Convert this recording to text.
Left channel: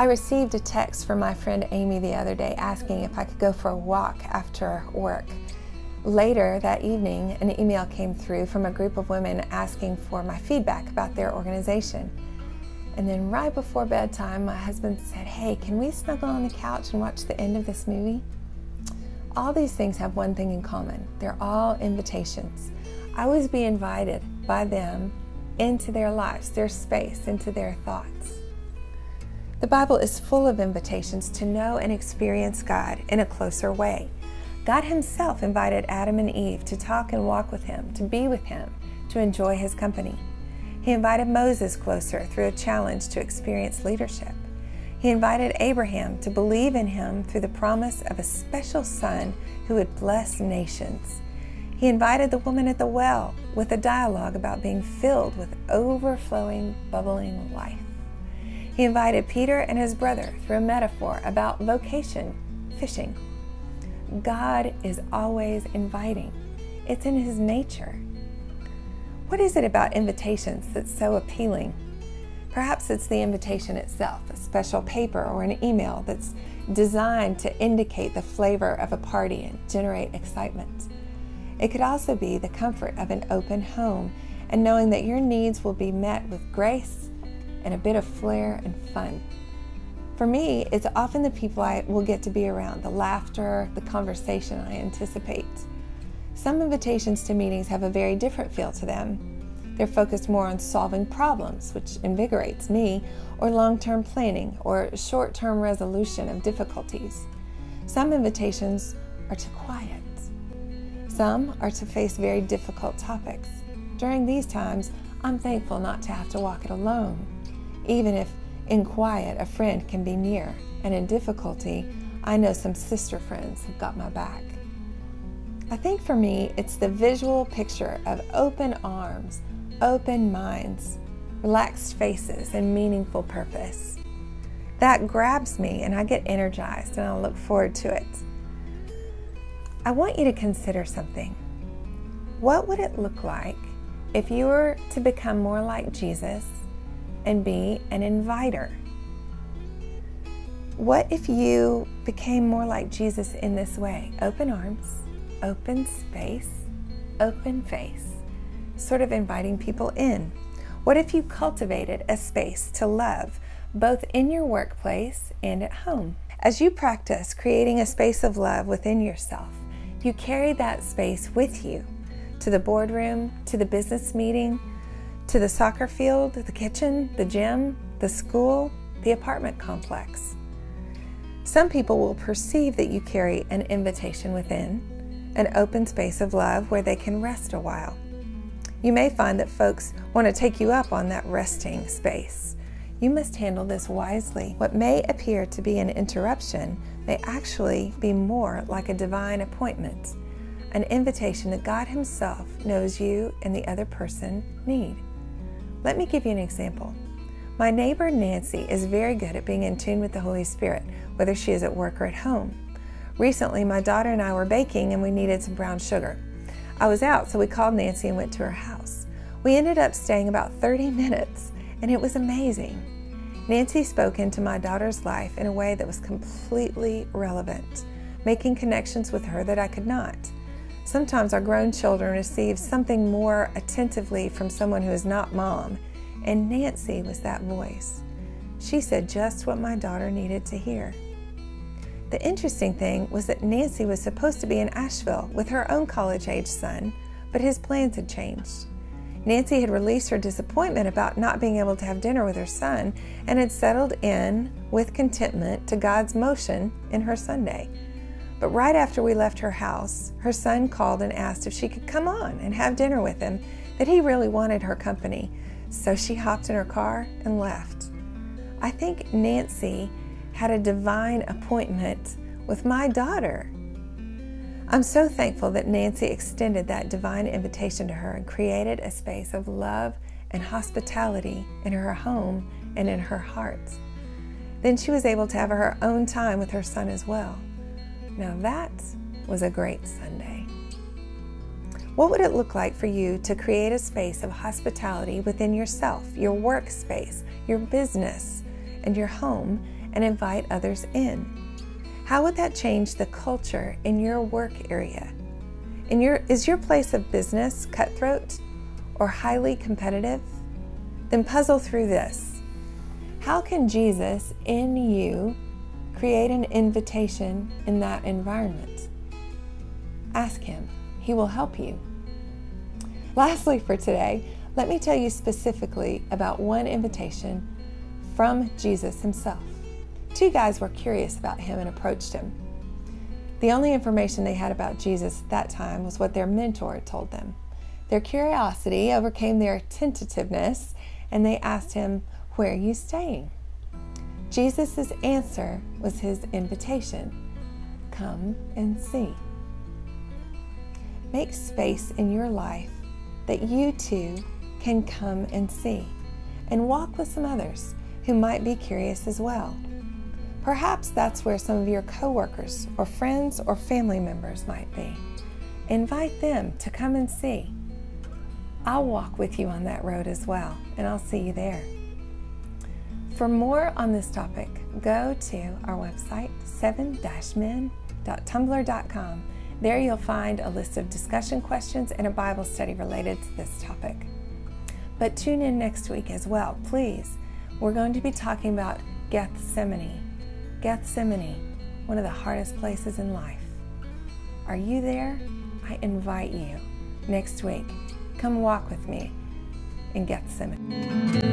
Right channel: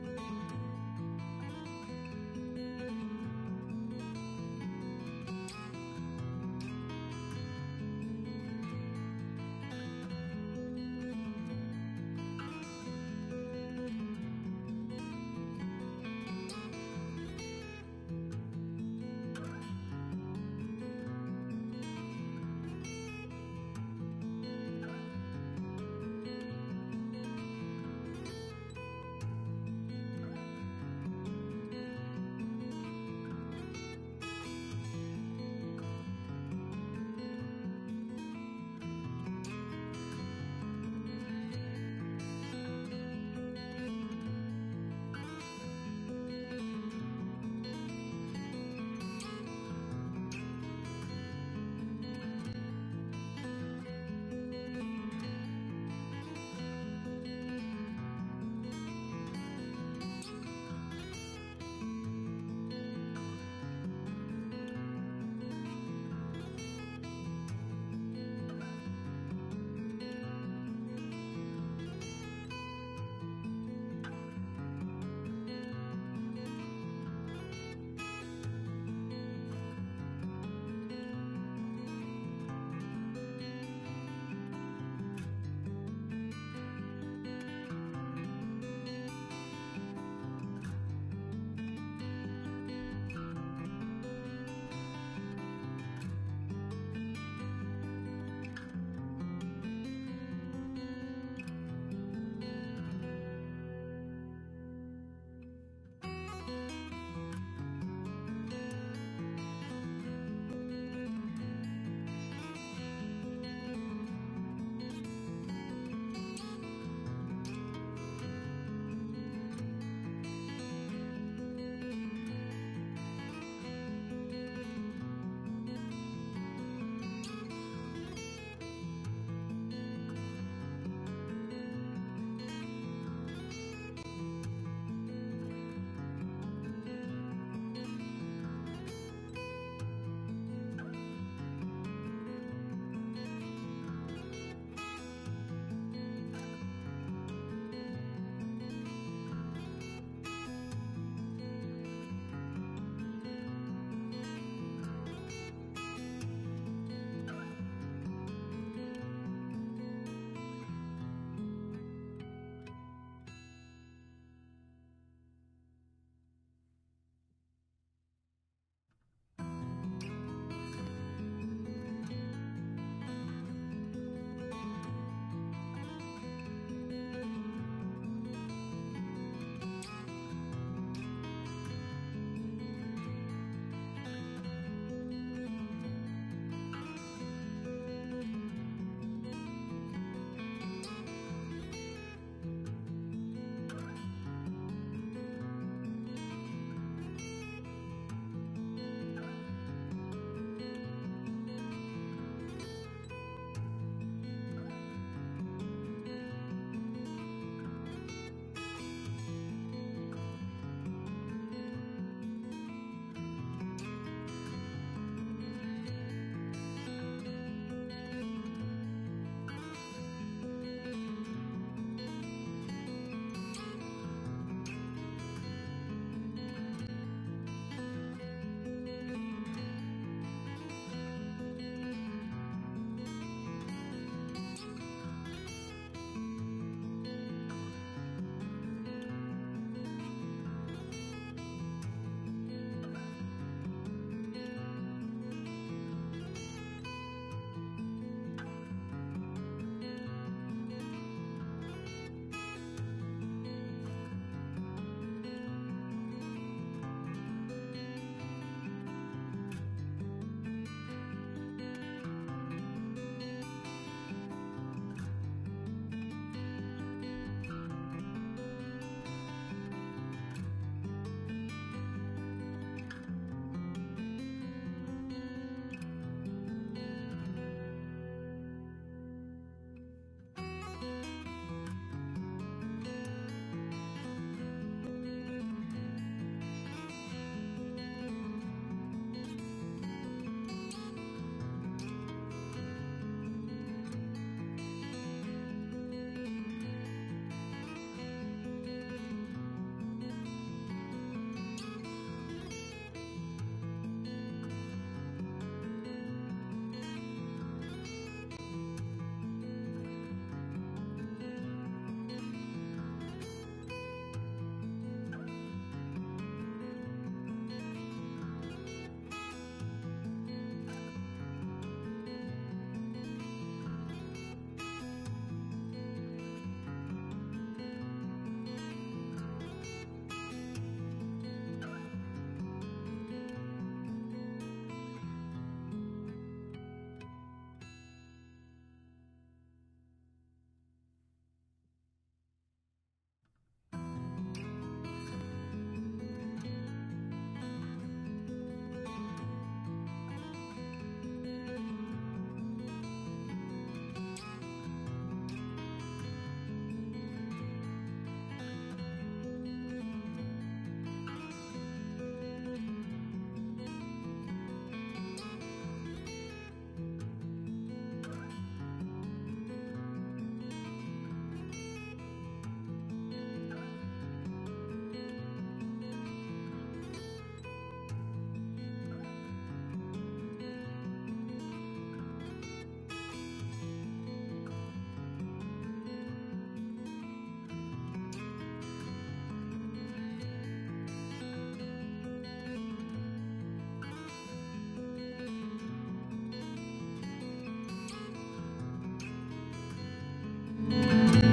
I received a text from my friend Amy the other day asking if I could go for a walk after work. Later that evening, an email came through from a group of women asking for my feedback about their organization. And then right before bedtime, my husband said, "Hey, can we snuggle on the couch and watch the end of this movie?" All these things have one thing in common. They're all invitations. I was being invited by them into their lives, their space, into their thoughts. The Bible is full of invitations to know and experience God in a closer way. God himself invited Adam and Eve to talk and walk with him, to be with him, to enjoy his company. He invited Moses closer through a challenge to experience leadership. He invited Abraham to believe in him through the promise of a special son who would bless nations. He invited the woman at the well with a dialogue about being filled with overflowing, bubbling life. He invited Peter and his brother through a metaphor about vocation, fishing. God is always inviting. It's in his nature. What is it about invitations that's so appealing? Perhaps it's the invitation itself, a special paper or an email that's designed to indicate the flavor of a party and generate excitement. It could also be the comfort of an open home and knowing that your needs will be met with grace and a bit of flair and fun. For me, it's often the people I will get to be around, the laughter, the conversation I anticipate. Some invitations to meetings have a very different feel to them. They're focused more on solving problems, which invigorates me, or long-term planning, or short-term resolution of difficulties. Some invitations are to quiet. Some are to face very difficult topics. During these times, I'm thankful not to have to walk it alone, even if in quiet a friend can be near, and in difficulty, I know some sister friends have got my back. I think for me, it's the visual picture of open arms, open minds, relaxed faces, and meaningful purpose. That grabs me and I get energized and I look forward to it. I want you to consider something. What would it look like if you were to become more like Jesus and be an inviter? What if you became more like Jesus in this way? Open arms, open space, open face, sort of inviting people in. What if you cultivated a space to love, both in your workplace and at home? As you practice creating a space of love within yourself, you carry that space with you to the boardroom, to the business meeting, to the soccer field, the kitchen, the gym, the school, the apartment complex. Some people will perceive that you carry an invitation within, an open space of love where they can rest a while. You may find that folks want to take you up on that resting space. You must handle this wisely. What may appear to be an interruption may actually be more like a divine appointment, an invitation that God himself knows you and the other person need. Let me give you an example. My neighbor Nancy is very good at being in tune with the Holy Spirit, whether she is at work or at home. Recently, my daughter and I were baking and we needed some brown sugar. I was out, so we called Nancy and went to her house. We ended up staying about 30 minutes, and it was amazing. Nancy spoke into my daughter's life in a way that was completely relevant, making connections with her that I could not. Sometimes our grown children receive something more attentively from someone who is not mom, and Nancy was that voice. She said just what my daughter needed to hear. The interesting thing was that Nancy was supposed to be in Asheville with her own college-age son, but his plans had changed. Nancy had released her disappointment about not being able to have dinner with her son and had settled in with contentment to God's motion in her Sunday. But right after we left her house, her son called and asked if she could come on and have dinner with him, that he really wanted her company. So she hopped in her car and left. I think Nancy had a divine appointment with my daughter. I'm so thankful that Nancy extended that divine invitation to her and created a space of love and hospitality in her home and in her heart. Then she was able to have her own time with her son as well. Now that was a great Sunday. What would it look like for you to create a space of hospitality within yourself, your workspace, your business, and your home, and invite others in? How would that change the culture in your work area? Is your place of business cutthroat or highly competitive? Then puzzle through this. How can Jesus in you create an invitation in that environment? Ask Him. He will help you. Lastly for today, let me tell you specifically about one invitation from Jesus Himself. Two guys were curious about Him and approached Him. The only information they had about Jesus at that time was what their mentor had told them. Their curiosity overcame their tentativeness, and they asked Him, "Where are you staying?" Jesus' answer was His invitation, "Come and see." Make space in your life that you too can come and see, and walk with some others who might be curious as well. Perhaps that's where some of your coworkers or friends or family members might be. Invite them to come and see. I'll walk with you on that road as well, and I'll see you there. For more on this topic, go to our website, 7-men.tumblr.com. There you'll find a list of discussion questions and a Bible study related to this topic. But tune in next week as well, please. We're going to be talking about Gethsemane. Gethsemane, one of the hardest places in life. Are you there? I invite you next week. Come walk with me in Gethsemane.